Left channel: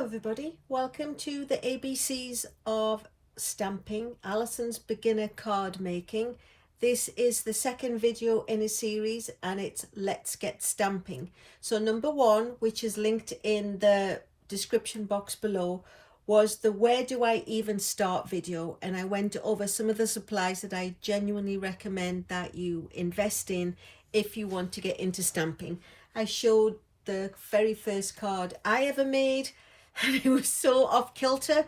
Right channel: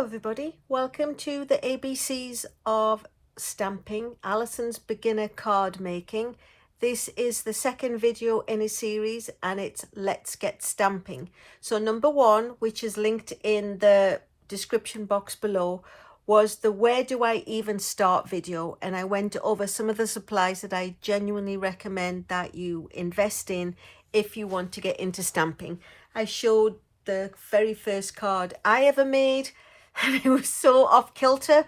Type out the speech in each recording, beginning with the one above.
Hello everybody, welcome to the ABCs of stamping, Alyson's beginner card making. This is the second video in a series and it's Let's Get Stamping. So number one, which is linked in the description box below, was the where do I even start video, and I went over some of the supplies that I genuinely recommend that you invest in if you want to get into stamping. I showed the very first card I ever made and it was so off kilter,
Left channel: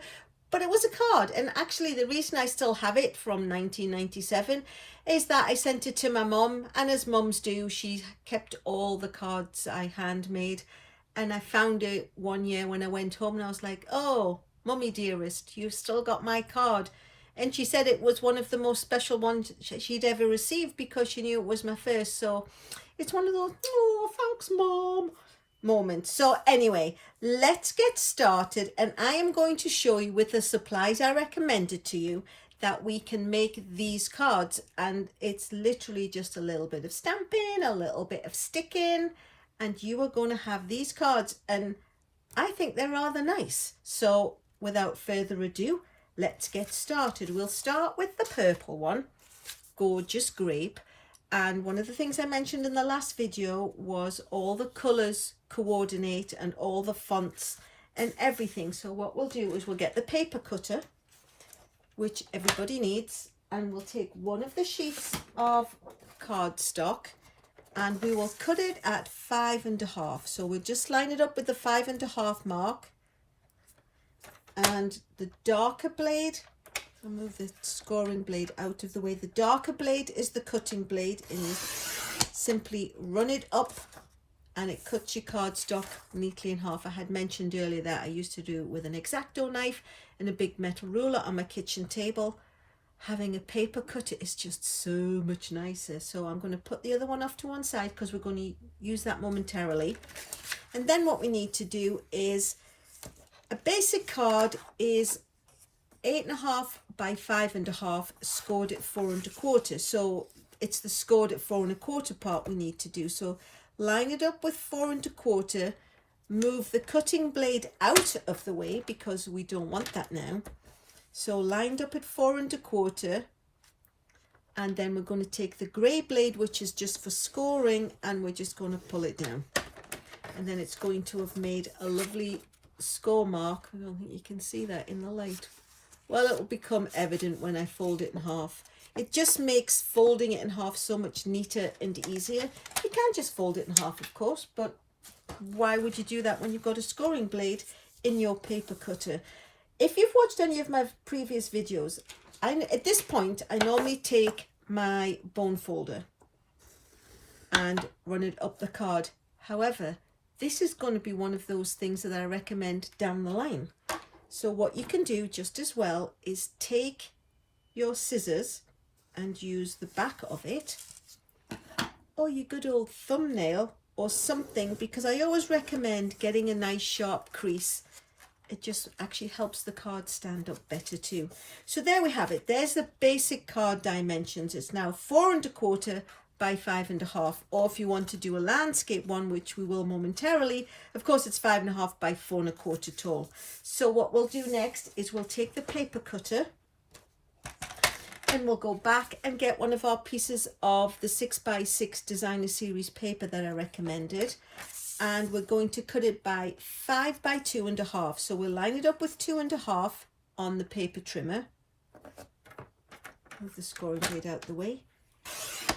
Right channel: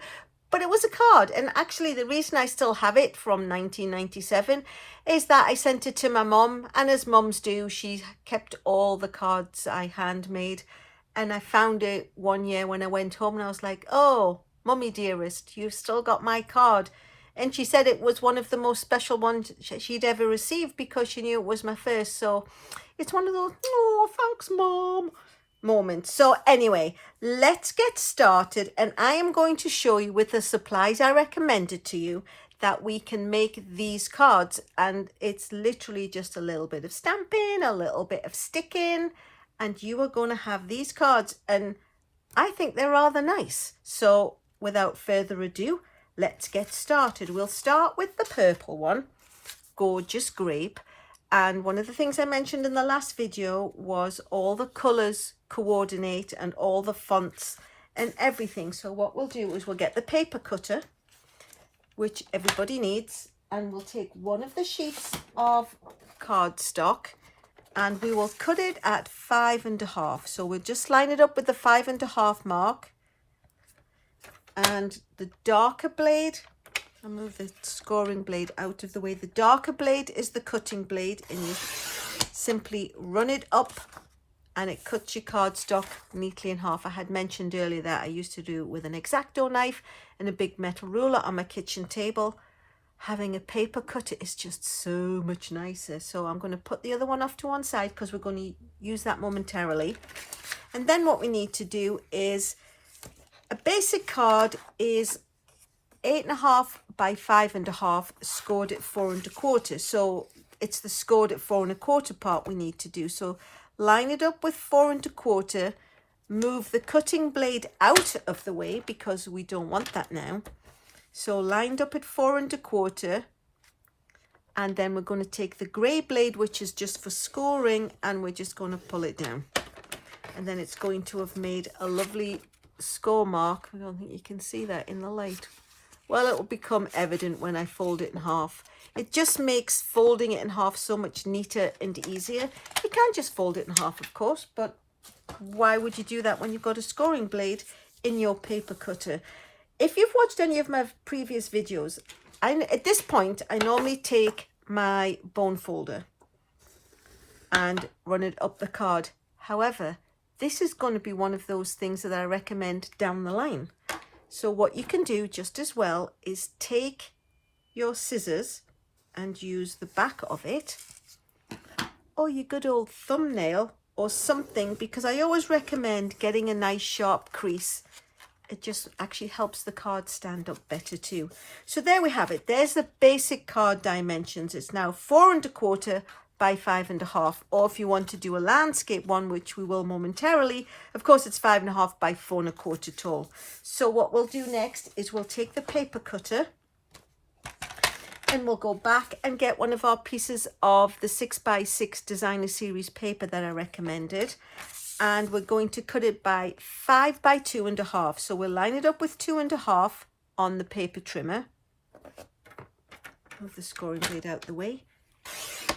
but it was a card. And actually the reason I still have it from 1997 is that I sent it to my mom, and as moms do, she kept all the cards I handmade. And I found it one year when I went home and I was like, oh, mummy dearest, you've still got my card. And she said it was one of the most special ones she'd ever received because she knew it was my first. So it's one of those, oh, thanks mom moments. So anyway, let's get started, and I am going to show you with the supplies I recommended to you that we can make these cards. And it's literally just a little bit of stamping, a little bit of sticking, and you are going to have these cards, and I think they're rather nice. So without further ado, let's get started. We'll start with the purple one, Gorgeous Grape. And one of the things I mentioned in the last video was all the colours coordinate and all the fonts and everything. So what we'll do is we'll get the paper cutter, which everybody needs, and we'll take one of the sheets of cardstock and we will cut it at 5.5. So we'll just line it up with the 5.5 mark, and the darker blade, I'll move the scoring blade out of the way. The darker blade is the cutting blade, and you simply run it up and it cuts your cardstock neatly in half. I had mentioned earlier that I used to do it with an X-Acto knife and a big metal ruler on my kitchen table. Having a paper cutter is just so much nicer. So I'm going to put the other one off to one side because we're going to use that momentarily. And then what we need to do is, a basic card is 8.5 by 5.5, scored at 4.25. So it's the scored at 4.25 part we need to do. So line it up with 4.25, move the cutting blade out of the way because we don't want that now. So lined up at 4.25, and then we're going to take the grey blade, which is just for scoring, and we're just going to pull it down. And then it's going to have made a lovely score mark. I don't think you can see that in the light. Well, it will become evident when I fold it in half. It just makes folding it in half so much neater and easier. You can just fold it in half, of course, but why would you do that when you've got a scoring blade in your paper cutter? If you've watched any of my previous videos, at this point, I normally take my bone folder and run it up the card. However, this is going to be one of those things that I recommend down the line. So what you can do just as well is take your scissors and use the back of it, or your good old thumbnail or something, because I always recommend getting a nice sharp crease. It just actually helps the card stand up better too. So there we have it. There's the basic card dimensions. It's now 4.25 by 5.5, or if you want to do a landscape one, which we will momentarily, of course it's 5.5 by 4.25 tall. So what we'll do next is we'll take the paper cutter and we'll go back and get one of our pieces of the 6x6 designer series paper that I recommended, and we're going to cut it by 5 by 2.5. So we'll line it up with 2.5 on the paper trimmer. Move the scoring blade out the way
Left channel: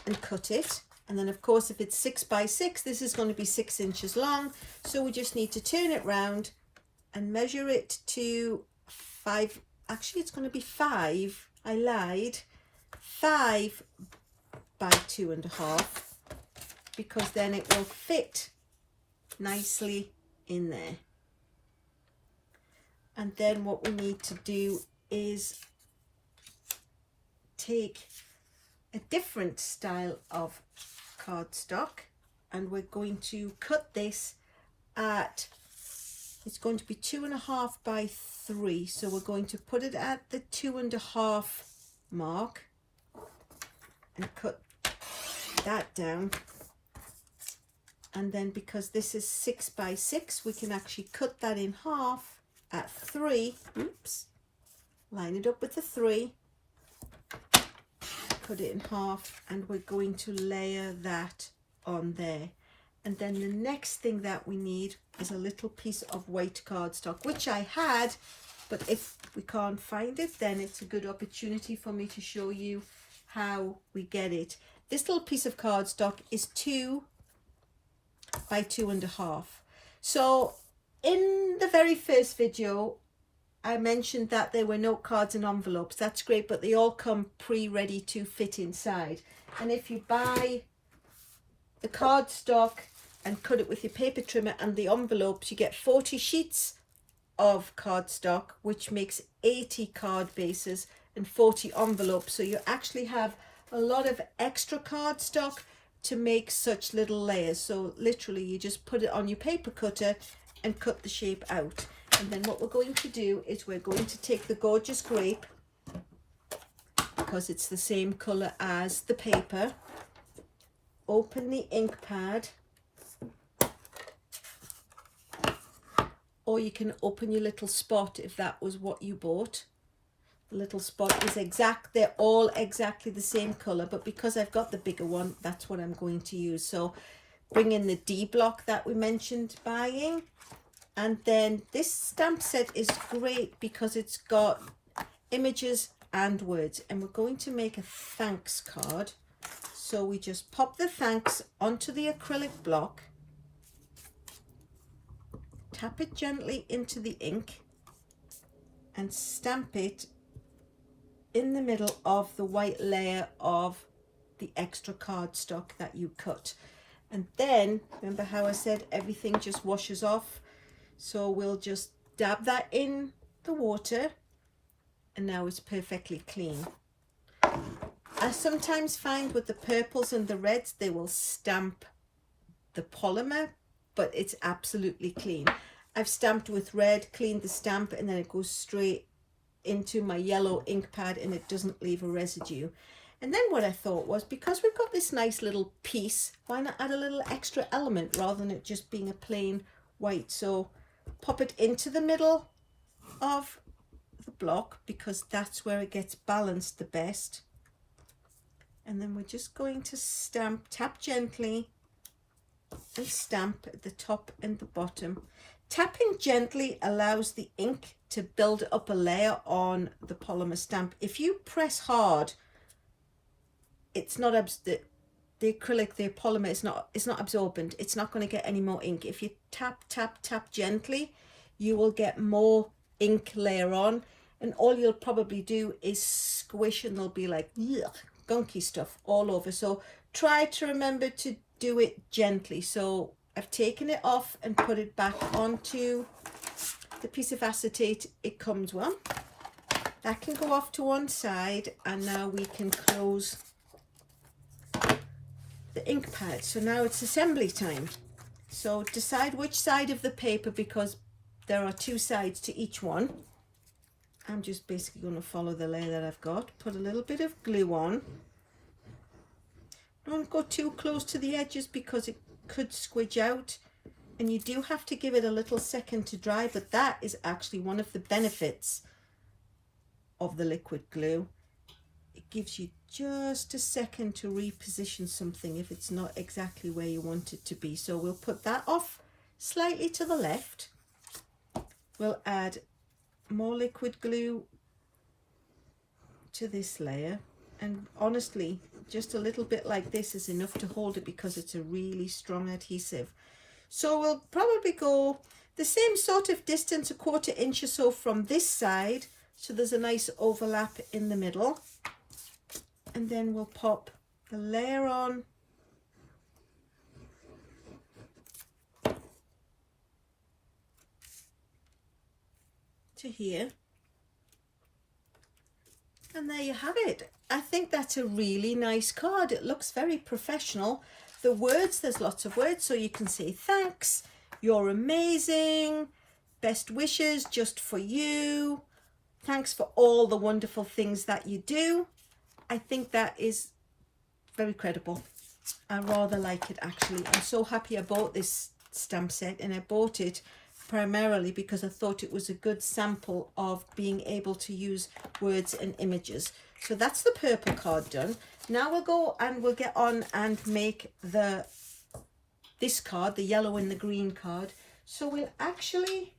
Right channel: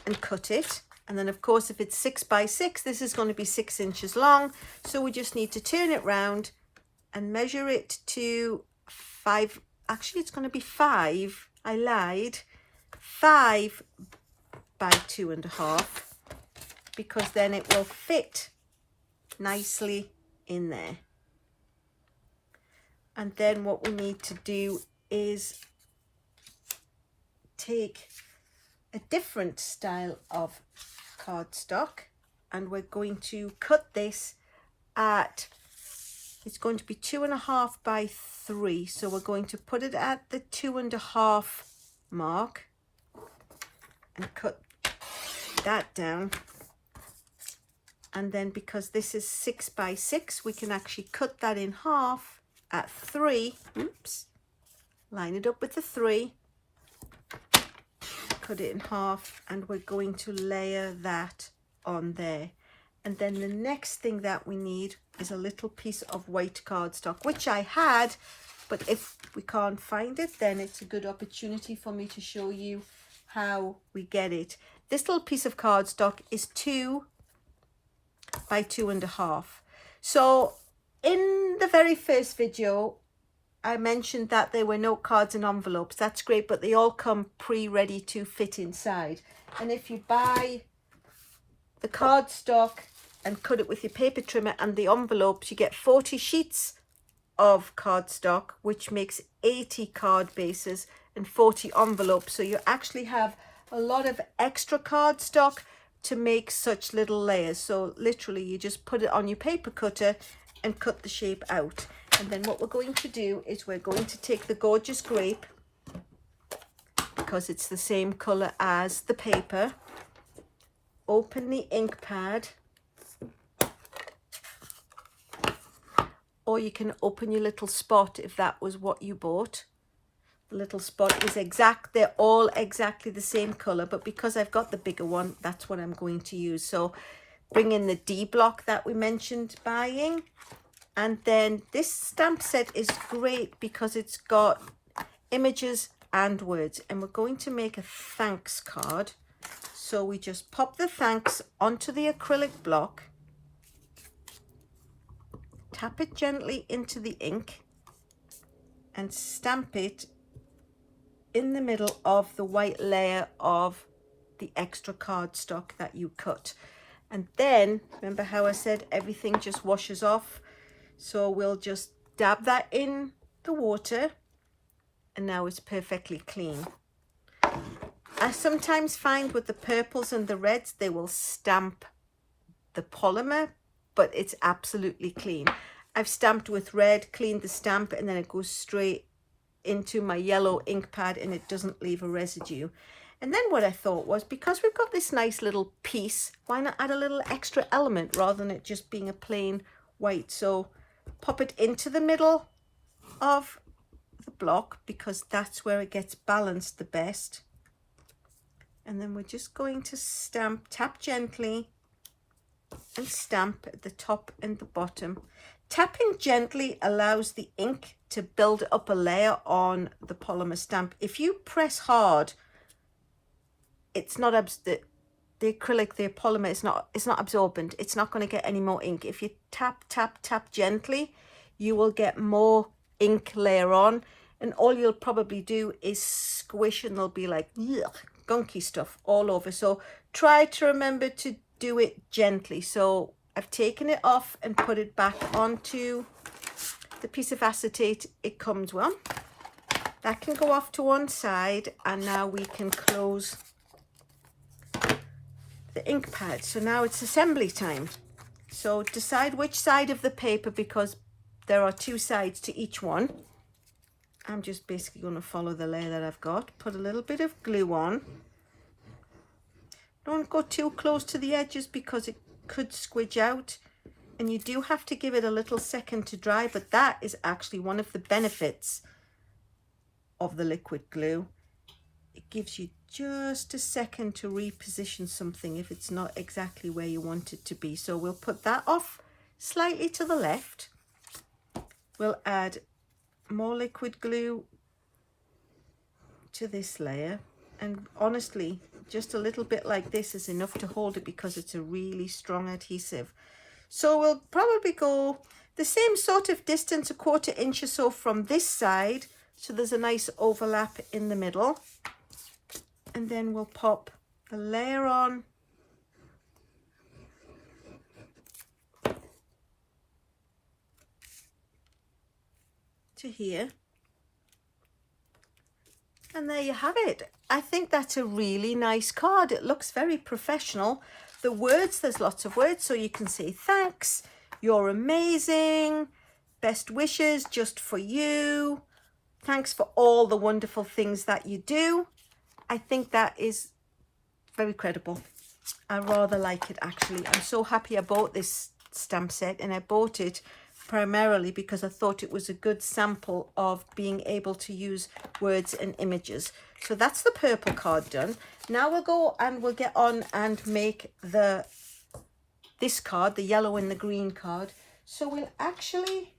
and cut it. And then of course, if it's 6x6, this is going to be 6 inches long. So we just need to turn it round and measure it to 5. Actually, it's going to be 5. I lied. 5 by 2.5, because then it will fit nicely in there. And then what we need to do is take a different style of cardstock, and we're going to cut this at, it's going to be 2.5 by 3. So we're going to put it at the 2.5 mark and cut that down. And then because this is 6 by 6, we can actually cut that in half at 3. Oops. Line it up with the 3. Cut it in half, and we're going to layer that on there. And then the next thing that we need is a little piece of white cardstock, which I had, but if we can't find it, then it's a good opportunity for me to show you how we get it. This little piece of cardstock is 2 by 2.5. So in the very first video, I mentioned that there were note cards and envelopes. That's great, but they all come pre-ready to fit inside. And if you buy the cardstock and cut it with your paper trimmer and the envelopes, you get 40 sheets of cardstock, which makes 80 card bases and 40 envelopes. So you actually have a lot of extra cardstock to make such little layers. So literally you just put it on your paper cutter and cut the shape out. And then what we're going to do is we're going to take the gorgeous grape, because it's the same color as the paper, open the ink pad, or you can open your little spot if that was what you bought. The little spot is exact, they're all exactly the same color, but because I've got the bigger one, that's what I'm going to use. So bring in the D block that we mentioned buying. And then this stamp set is great because it's got images and words, and we're going to make a thanks card. So we just pop the thanks onto the acrylic block, tap it gently into the ink, and stamp it in the middle of the white layer of the extra cardstock that you cut. And then remember how I said everything just washes off? So we'll just dab that in the water, and now it's perfectly clean. I sometimes find with the purples and the reds, they will stamp the polymer, but it's absolutely clean. I've stamped with red, cleaned the stamp, and then it goes straight into my yellow ink pad and it doesn't leave a residue. And then what I thought was, because we've got this nice little piece, why not add a little extra element rather than it just being a plain white? So pop it into the middle of the block, because that's where it gets balanced the best. And then we're just going to stamp, tap gently and stamp at the top and the bottom. Tapping gently allows the ink to build up a layer on the polymer stamp. If you press hard, it's not the acrylic, the polymer is not, it's not absorbent. It's not going to get any more ink. If you tap, tap, tap gently, you will get more ink layer on, and all you'll probably do is squish, and there'll be like gunky stuff all over. So try to remember to do it gently. So I've taken it off and put it back onto the piece of acetate it comes with. That can go off to one side, and now we can close the ink pad. So now it's assembly time. So decide which side of the paper, because there are 2 sides to each one. I'm just basically going to follow the layer that I've got. Put a little bit of glue on. Don't go too close to the edges because it could squidge out, and you do have to give it a little second to dry, but that is actually one of the benefits of the liquid glue. It gives you just a second to reposition something if it's not exactly where you want it to be. So we'll put that off slightly to the left. We'll add more liquid glue to this layer, and honestly just a little bit like this is enough to hold it because it's a really strong adhesive. So we'll probably go the same sort of distance, 1/4 inch or so from this side, so there's a nice overlap in the middle. And then we'll pop the layer on to here. And there you have it. I think that's a really nice card. It looks very professional. The words, there's lots of words, so you can say thanks, you're amazing, best wishes just for you, thanks for all the wonderful things that you do. I think that is very credible. I rather like it actually. I'm so happy I bought this stamp set, and I bought it primarily because I thought it was a good sample of being able to use words and images. So that's the purple card done. Now we'll go and we'll get on and make this card, the yellow and the green card. So we'll actually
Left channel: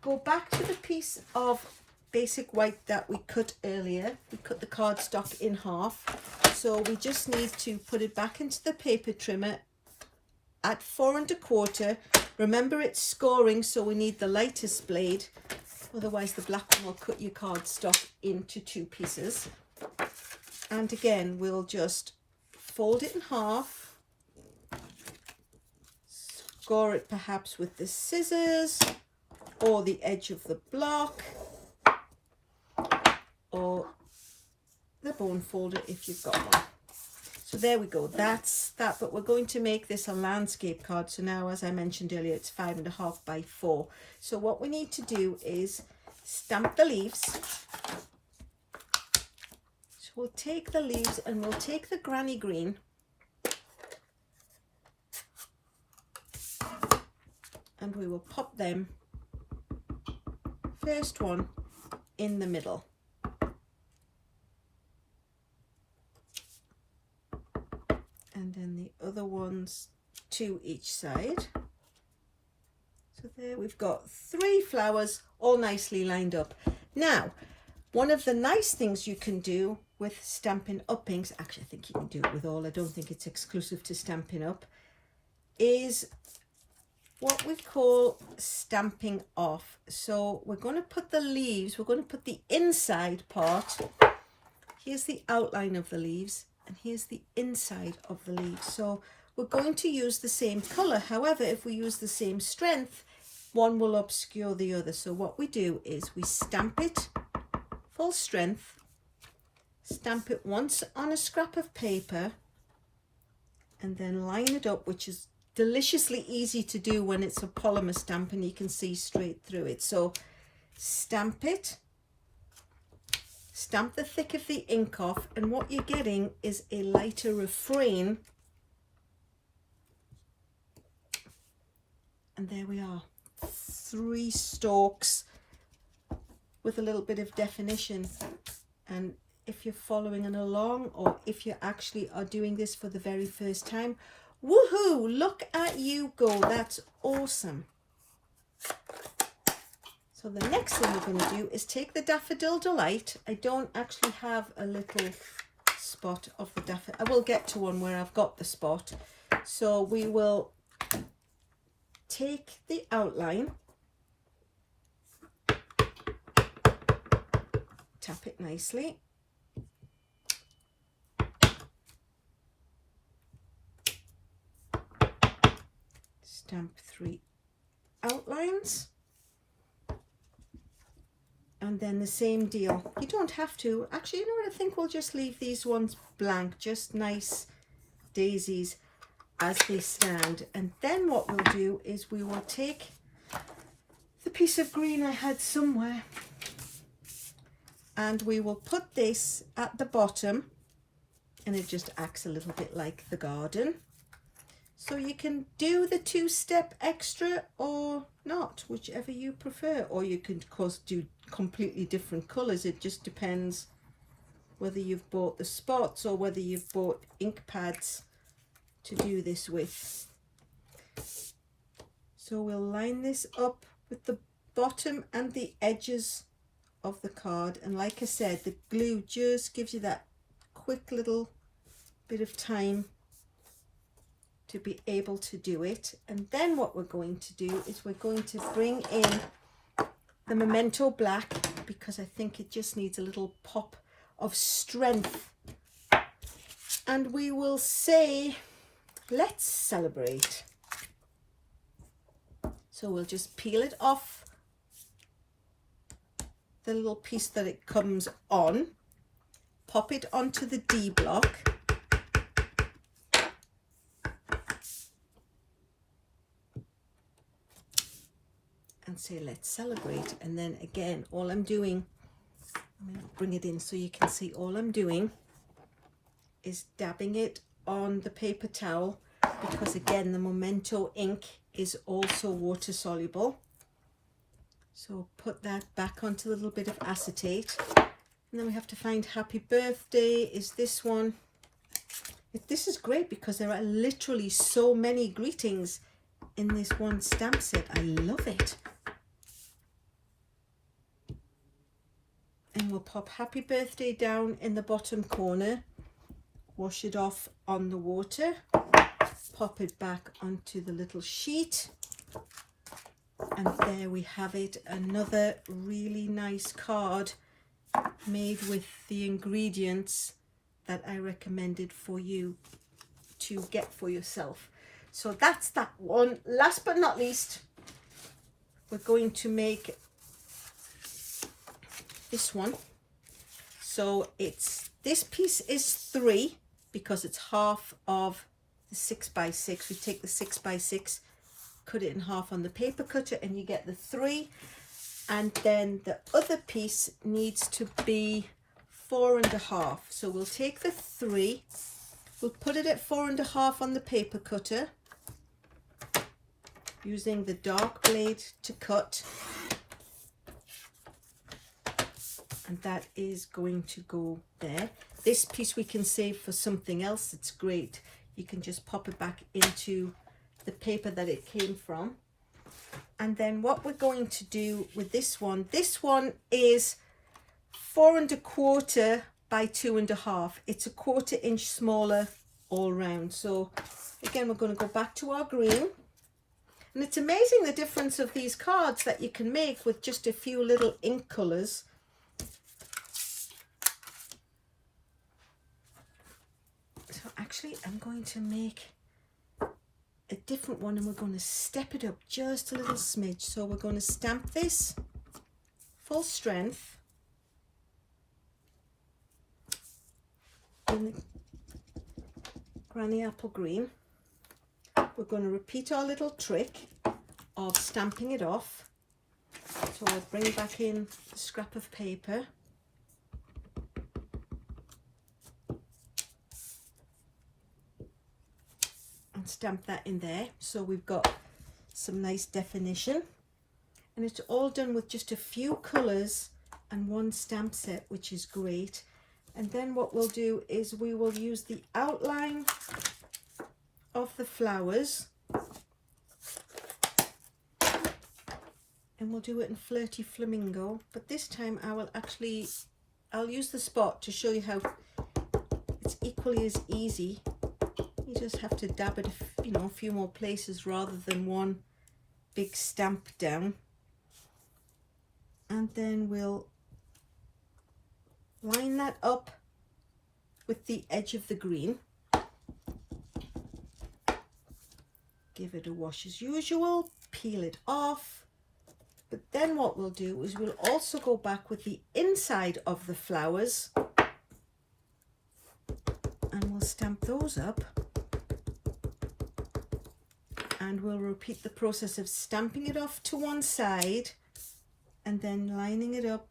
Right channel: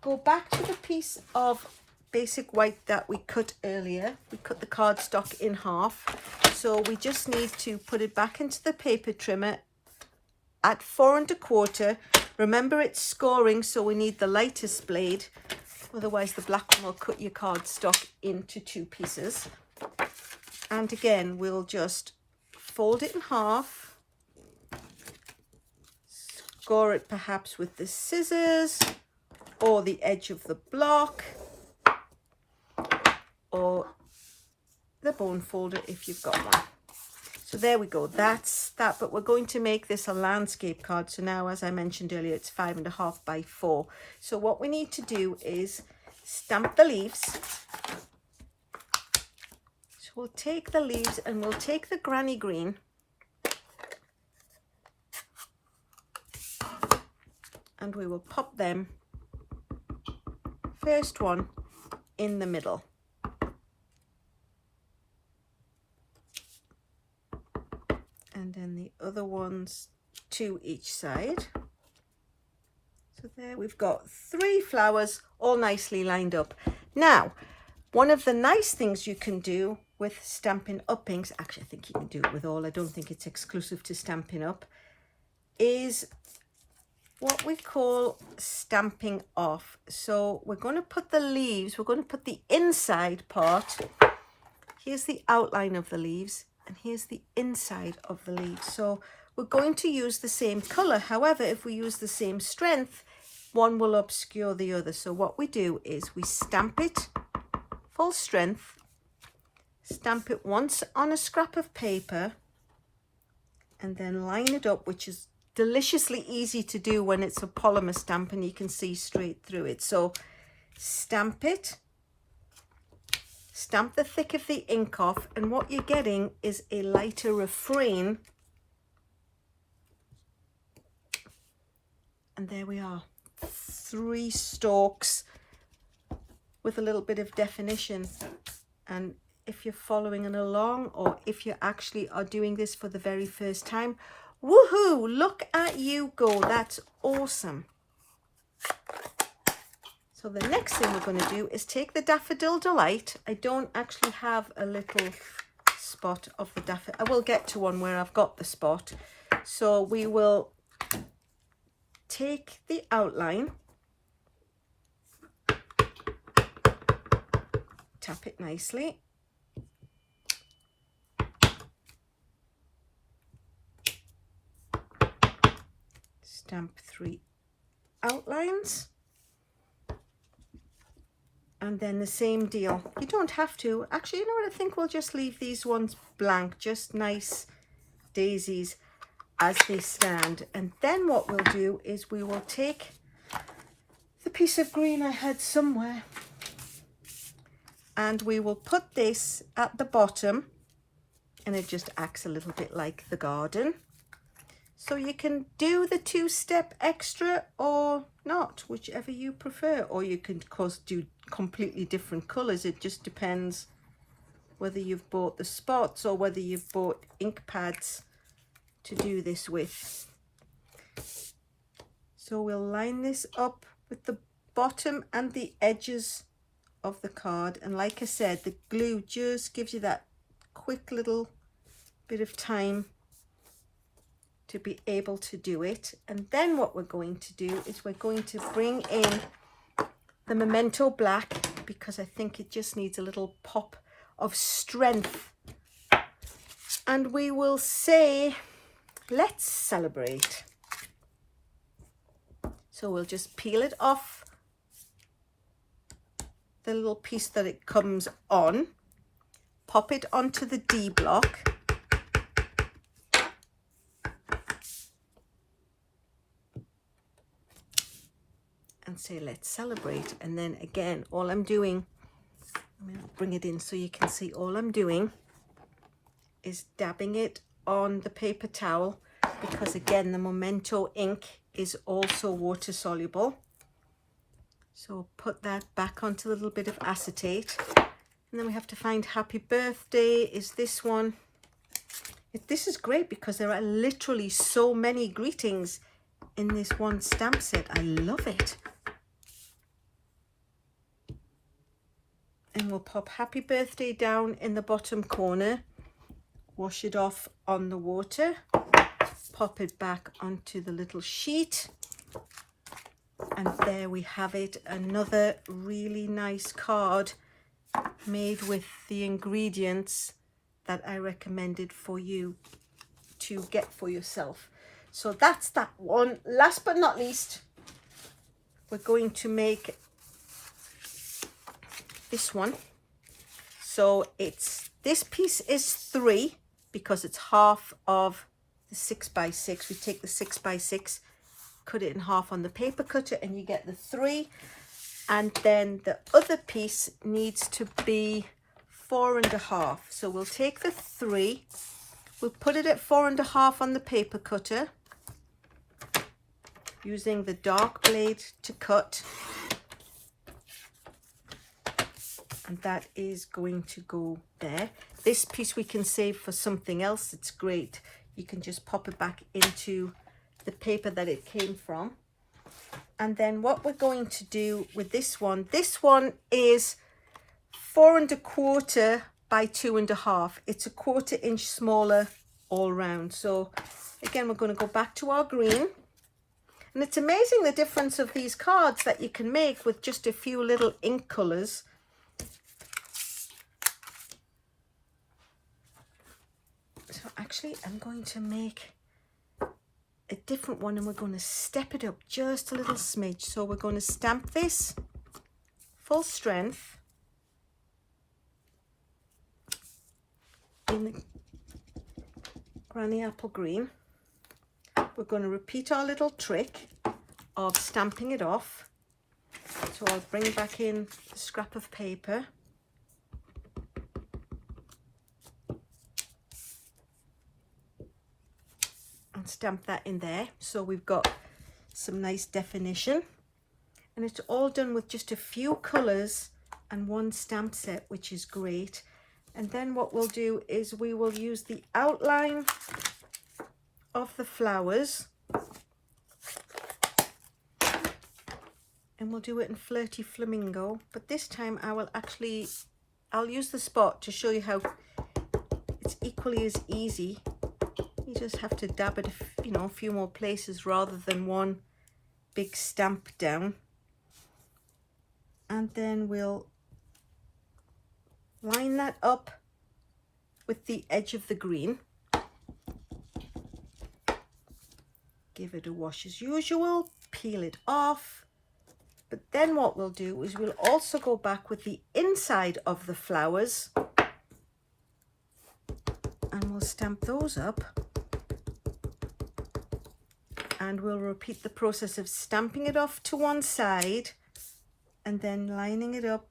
go back to the piece of basic white that we cut earlier. We cut the cardstock in half. So we just need to put it back into the paper trimmer at 4 1/4. Remember, it's scoring, so we need the lightest blade. Otherwise the black one will cut your cardstock into 2 pieces. And again, we'll just fold it in half. Score it perhaps with the scissors or the edge of the block or the bone folder if you've got one. So there we go, that's that. But we're going to make this a landscape card. So now, as I mentioned earlier, it's 5 1/2 by 4. So what we need to do is stamp the leaves. So we'll take the leaves and we'll take the granny green and we will pop them, first one in the middle. And then the other ones to each side. So there we've got 3 flowers all nicely lined up. Now, one of the nice things you can do with Stampin' Up inks, actually I think you can do it with all, I don't think it's exclusive to Stampin' Up, is what we call stamping off. So we're going to put the leaves, we're going to put the inside part, here's the outline of the leaves, and here's the inside of the leaves. So we're going to use the same color. However, if we use the same strength, one will obscure the other. So what we do is we stamp it full strength, stamp it once on a scrap of paper, and then line it up, which is deliciously easy to do when it's a polymer stamp and you can see straight through it. So stamp it, stamp the thick of the ink off, and what you're getting is a lighter refrain. And there we are, 3 stalks with a little bit of definition. And if you're following along, or if you actually are doing this for the very first time, woohoo, look at you go, that's awesome. So the next thing we're going to do is take the Daffodil Delight. I don't actually have a little spot of the daffodil. I will get to one where I've got the spot. So we will take the outline, tap it nicely, stamp 3 outlines, and then the same deal. You don't have to, actually, you know what, I think we'll just leave these ones blank, just nice daisies as they stand. And then what we'll do is we will take the piece of green I had somewhere and we will put this at the bottom, and it just acts a little bit like the garden. So you can do the 2-step extra or not, whichever you prefer, or you can of course do completely different colors. It just depends whether you've bought the spots or whether you've bought ink pads to do this with. So we'll line this up with the bottom and the edges of the card, and like I said, the glue just gives you that quick little bit of time to be able to do it. And then what we're going to do is we're going to bring in the Memento Black, because I think it just needs a little pop of strength, and we will say, let's celebrate. So we'll just peel it off the little piece that it comes on, pop it onto the D block, and say, let's celebrate. And then again, all I'm doing, I'm going to bring it in so you can see, all I'm doing is dabbing it on the paper towel, because again, the Memento ink is also water soluble. So put that back onto a little bit of acetate. And then we have to find Happy Birthday is this one. This is great because there are literally so many greetings in this one stamp set. I love it. And we'll pop Happy Birthday down in the bottom corner, wash it off on the water, pop it back onto the little sheet, and there we have it, another really nice card made with the ingredients that I recommended for you to get for yourself. So that's that one. Last but not least, we're going to make this one. So this piece is 3 because it's half of the 6x6. We take the 6x6, cut it in half on the paper cutter, and you get the 3. And then the other piece needs to be 4.5. So we'll take the 3, we'll put it at 4.5 on the paper cutter, using the dark blade to cut. And that is going to go there. This piece we can save for something else. It's great. You can just pop it back into the paper that it came from. And then what we're going to do with this one is 4.25 by 2.5. It's a 1/4 inch smaller all round. So again, we're going to go back to our green. And it's amazing the difference of these cards that you can make with just a few little ink colours. So actually, I'm going to make a different one, and we're going to step it up just a little smidge. So we're going to stamp this full strength in the Granny Apple Green. We're going to repeat our little trick of stamping it off. So I'll bring back in the scrap of paper. And stamp that in there. So we've got some nice definition. And it's all done with just a few colours and one stamp set, which is great. And then what we'll do is we will use the outline of the flowers, and we'll do it in Flirty Flamingo, but this time I'll use the spot to show you how it's equally as easy. You just have to dab it a few more places rather than one big stamp down. And then we'll line that up with the edge of the green. Give it a wash as usual, peel it off. But then what we'll do is we'll also go back with the inside of the flowers, and we'll stamp those up. And we'll repeat the process of stamping it off to one side and then lining it up,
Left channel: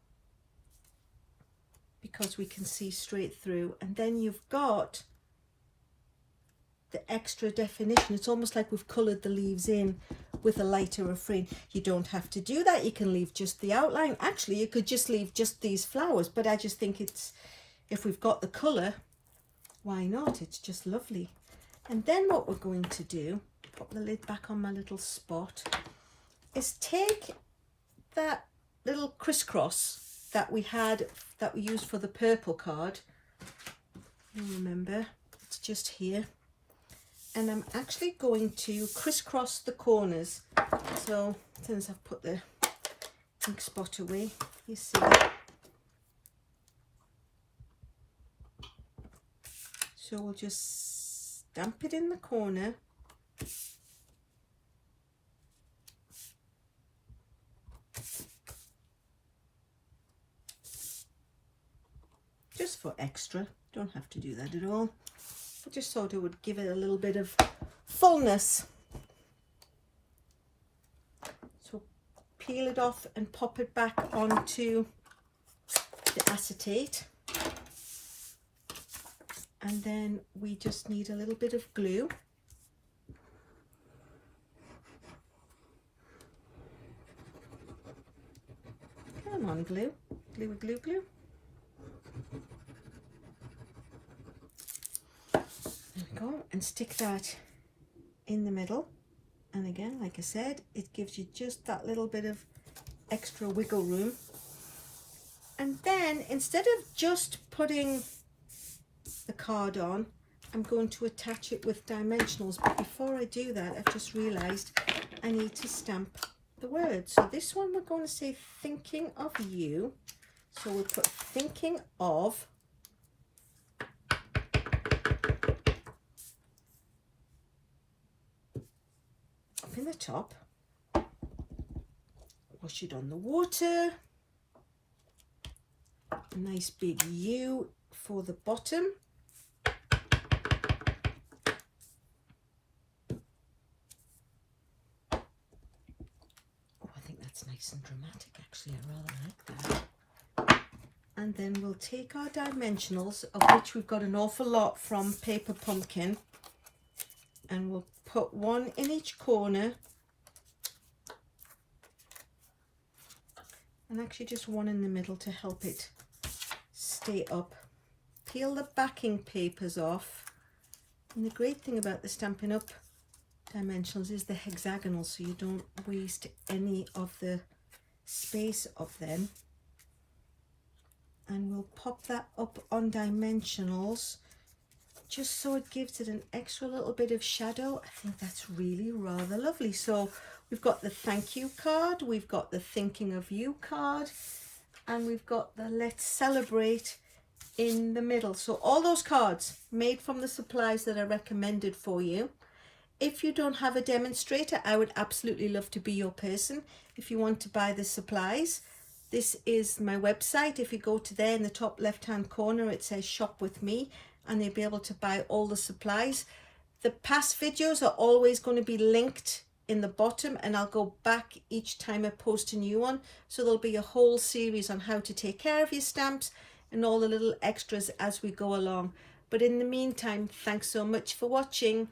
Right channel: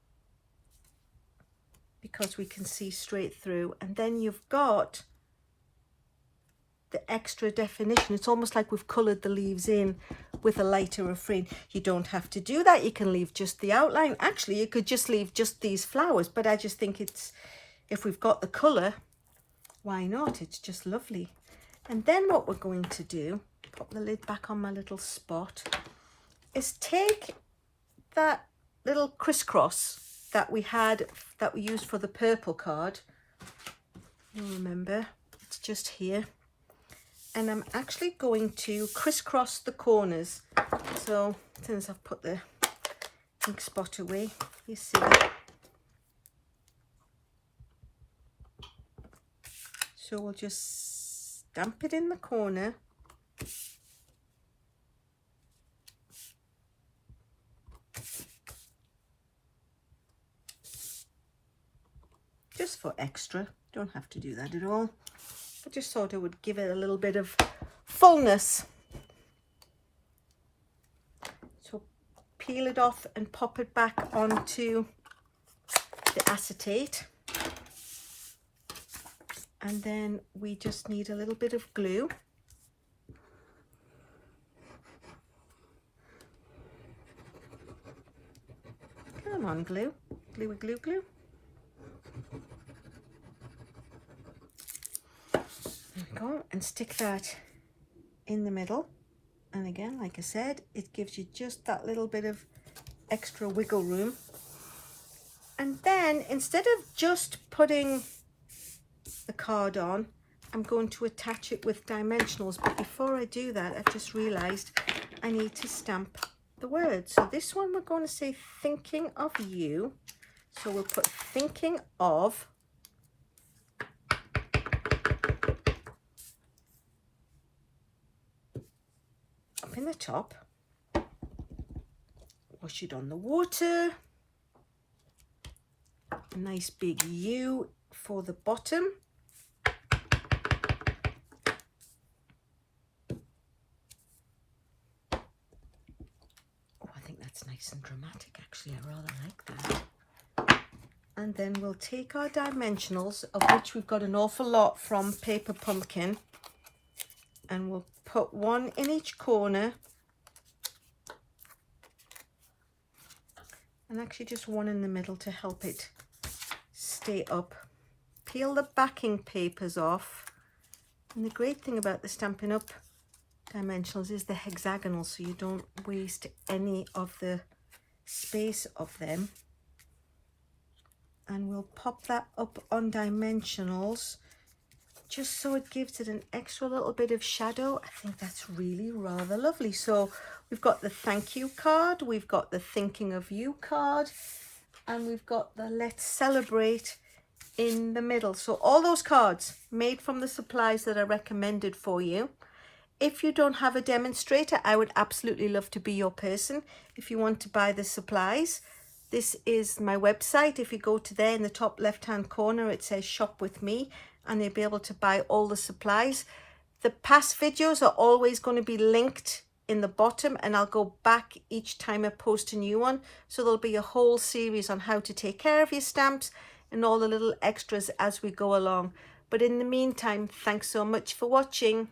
because we can see straight through. And then you've got the extra definition. It's almost like we've coloured the leaves in with a lighter refrain. You don't have to do that. You can leave just the outline. Actually, you could just leave just these flowers, but I just think if we've got the colour, why not? It's just lovely. And then what we're going to do, put the lid back on my little spot, is take that little crisscross that we used for the purple card. You remember, it's just here. And I'm actually going to crisscross the corners. So since I've put the ink spot away, you see. So we'll just stamp it in the corner. Just for extra, don't have to do that at all. I just thought it would give it a little bit of fullness. So peel it off and pop it back onto the acetate. And then we just need a little bit of glue. Come on, glue. Glue, glue, glue. There we go. And stick that in the middle. And again, like I said, it gives you just that little bit of extra wiggle room. And then instead of just putting the card on, I'm going to attach it with dimensionals. But before I do that, I've just realized I need to stamp the word. So this one we're going to say thinking of you. So we'll put thinking of up in the top. Wash it on the water. A nice big U for the bottom. Oh, I think that's nice and dramatic actually. I rather like that. And then we'll take our dimensionals, of which we've got an awful lot from Paper Pumpkin, and we'll put one in each corner, and actually just one in the middle to help it stay up. Peel the backing papers off, and the great thing about the Stampin' Up! Dimensionals is the hexagonal, so you don't waste any of the space of them. And we'll pop that up on dimensionals just so it gives it an extra little bit of shadow. I think that's really rather lovely. So we've got the thank you card, we've got the thinking of you card, and we've got the let's celebrate in the middle. So all those cards made from the supplies that are recommended for you. If you don't have a demonstrator, I would absolutely love to be your person. If you want to buy the supplies, this is my website. If you go to there in the top left hand corner, it says shop with me, and you'll be able to buy all the supplies. The past videos are always going to be linked in the bottom, and I'll go back each time I post a new one. So there'll be a whole series on how to take care of your stamps and all the little extras as we go along. But in the meantime, thanks so much for watching.